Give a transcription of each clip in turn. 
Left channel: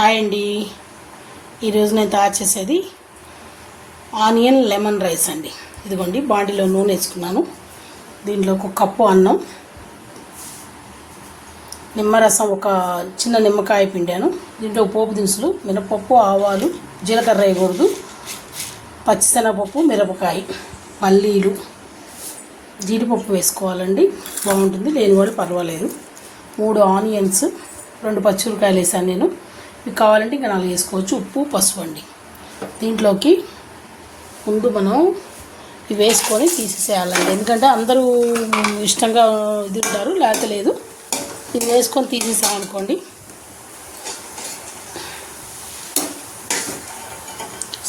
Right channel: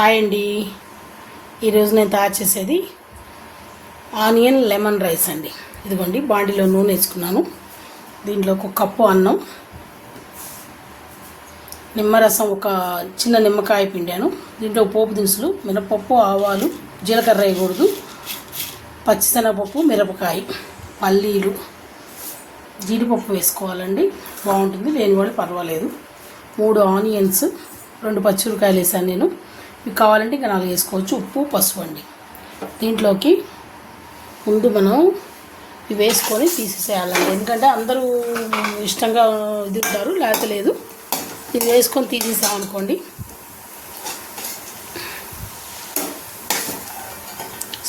Hi అండి. ఈరోజు నేను తయారు చేసేది ఆనియన్ లెమన్ రైస్ అండి. ఇదిగోండి, బాండీలో నూనె వేసుకున్నాను. దీంట్లో ఒక కప్పు అన్నం, నిమ్మరసం ఒక చిన్న నిమ్మకాయ పిండాను. దీంట్లో పోపు దినుసులు, మినపప్పు, ఆవాలు, జీలకర్ర వేయకూడదు, పచ్చిశనగపప్పు, మిరపకాయ, పల్లీలు, జీడిపప్పు వేసుకోవాలండి, బాగుంటుంది. లేని వాళ్ళు పర్వాలేదు. 3 ఆనియన్స్, 2 పచ్చిమిరపకాయలు వేసాను నేను. మీకు కావాలంటే ఇంకా 4 వేసుకోవచ్చు. ఉప్పు, పసుపు అండి. దీంట్లోకి ముందు మనం ఇవి వేసుకొని తీసేసేయాలండి, ఎందుకంటే అందరూ ఇష్టంగా తింటారు, లేకపోలేదు. ఇవి వేసుకొని తీసేసామనుకోండి,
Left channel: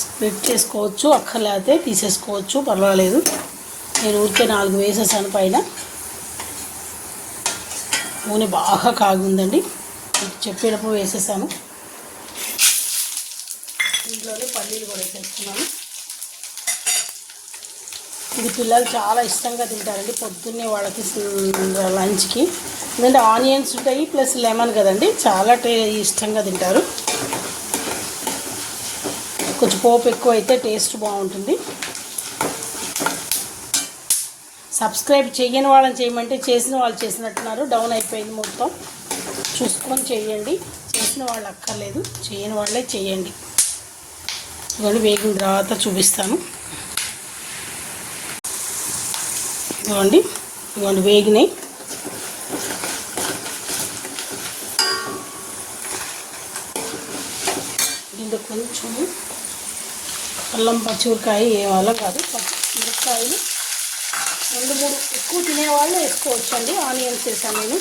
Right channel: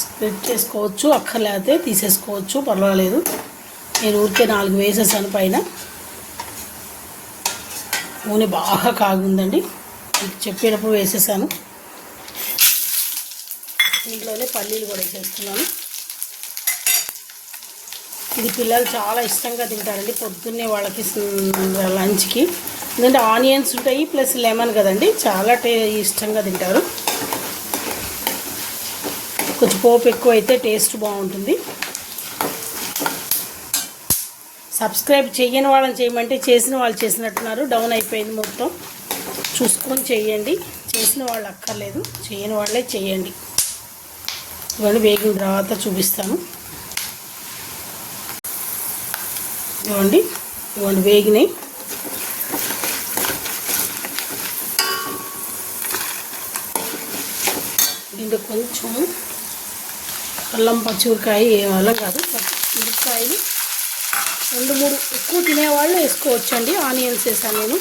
స్ప్లిట్ చేసుకోవచ్చు, అక్కర్లేకపోతే తీసేసుకోవచ్చు, పర్వాలేదు. నేను ఊరికే 4 వేసేసాను. పైన నూనె బాగా కాగుందండి, చెప్పినప్పుడు వేసేసాను. దీంట్లోనే పల్లీలు కూడా వేసేస్తున్నాను. ఇది పిల్లలు చాలా ఇష్టంగా తింటారండి పొద్దున్నే వాళ్ళకి లంచ్కి. ఎందుకంటే ఆనియన్స్ ఉంటాయి ప్లస్ లెమన్ కదండి, చాలా ఇష్టంగా తింటారు. కొంచెం పోపు ఎక్కువ అయితే టేస్ట్ బాగుంటుంది. సబ్స్క్రైబ్ చేయని వాళ్ళని చేయమంటే చేసిన వాళ్ళు చేసినట్టున్నారు, డౌన్ అయిపోయింది మొత్తం. చూసుకొని చేయండి, చేసిన వాళ్ళు అక్కర్లేదు, చేయని వాళ్ళే చేయండి. ఇవన్నీ వేగిన తర్వాత చూపిస్తాను. ఇవ్వండి వేగినాయి. దీంట్లో కొంచెం అల్లం పచ్చిమిరకాయ వేయాలి కాదు, పచ్చిమిరకాయలు 2-3 ఎక్కువ తినేవాళ్ళు వేసుకోవచ్చండి. ఆనియన్స్ వేసాను నేను,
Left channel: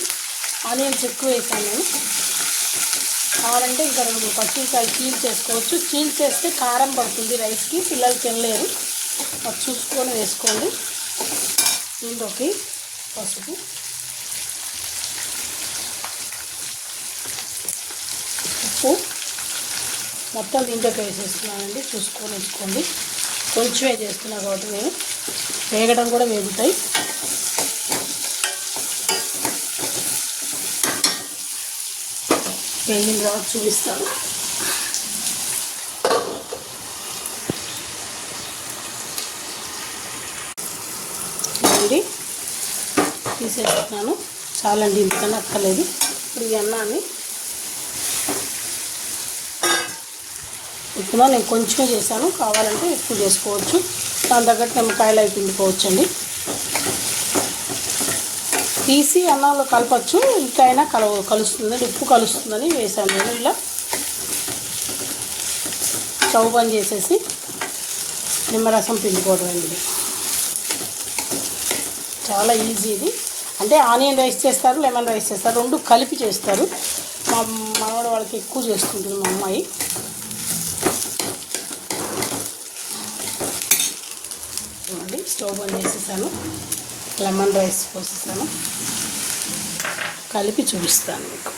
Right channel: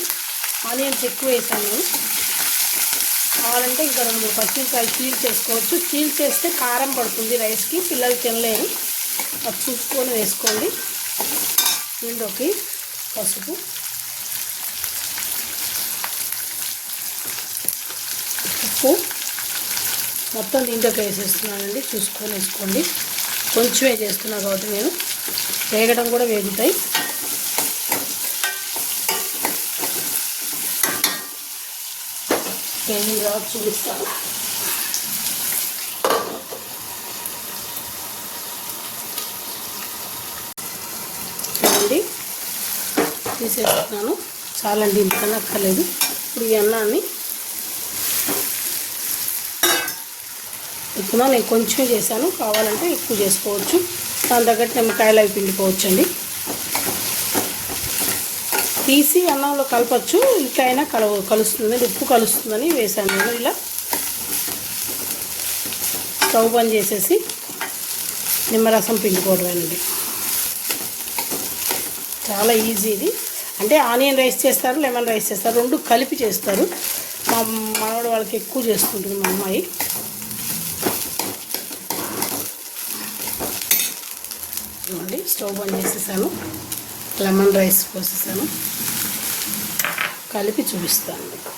ఆనియన్స్ ఎక్కువ వేసాను. కావాలంటే ఇక్కడ 2 పచ్చిమిరకాయలు చీల్ చేసుకోవచ్చు. చీల్ చేస్తే కారం పడుతుంది రైస్కి, పిల్లలు తినలేరు. అది చూసుకొని వేసుకోండి. దీంట్లోకి పసుపు, ఉప్పు మొత్తం దీంట్లోకి వేసేస్తున్నానండి, చూసుకొని వేసుకోండి. కొంచెమే చేస్తున్నాను కాబట్టి నేను, వేగడం కూడా వేగుతాయి. వేగిన తర్వాత చూపిస్తాను. తీసేస్తున్నాను, చాలా ఇంతకన్నా అక్కర్లేదు. ఈ అన్నాన్ని ఇప్పుడు నేను కొంచెమే చేశాను, కావాలంటే ఎక్కువ చేసుకోవచ్చు. దాని తగ్గట్టు నిమ్మకాయలు అవి పిండుకోవచ్చు అండి. తీసి అన్నంలో కలపచ్చు, ఇంకైనా కలుస్తుంది, ఉప్పు కలుస్తుందని వేసాను నేను. ఇలా స్టవ్ బంద్ చేసేసి నిమ్మరసం పిండుకోవడం. చాలా ఈజీ ఇది. అంటే ఆనియన్ రైస్ చేస్తారు, లెమన్ రైస్ చేస్తారు, 2 కలిపి చేస్తారు. మా మనవడు వాళ్ళకి ఎక్కువ చేసుకుంటుంది మా అమ్మాయి. స్టవ్ బంద్ చేసేసాను, లెమన్ రైస్ పోసేసాను, కలిపి చూపిస్తాను మీకు.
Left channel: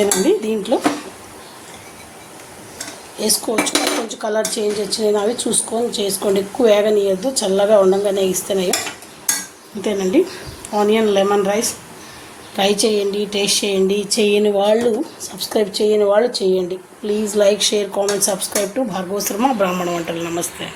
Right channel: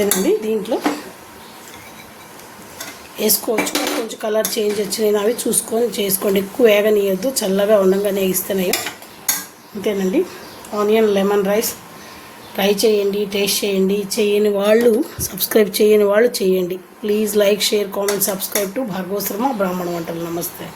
అంతేనండి, దీంట్లో వేసుకోవచ్చు. కొంచెం కలర్ చేంజ్ వచ్చినాయి, అవి చూసుకొని చేసుకోండి. ఎక్కువ వేగనీయద్దు, చల్లగా ఉండగానే ఇస్తేనే. అంతేనండి, ఆనియన్ లెమన్ రైస్ ట్రై చేయండి, టేస్ట్ చేయండి. చేయని వాళ్ళు, సబ్స్క్రైబ్ చేయని వాళ్ళు చేయండి. Please like, share, comment, subscribe to Bhargava Sharma బ్రాహ్మణ వంటలు. నమస్తే.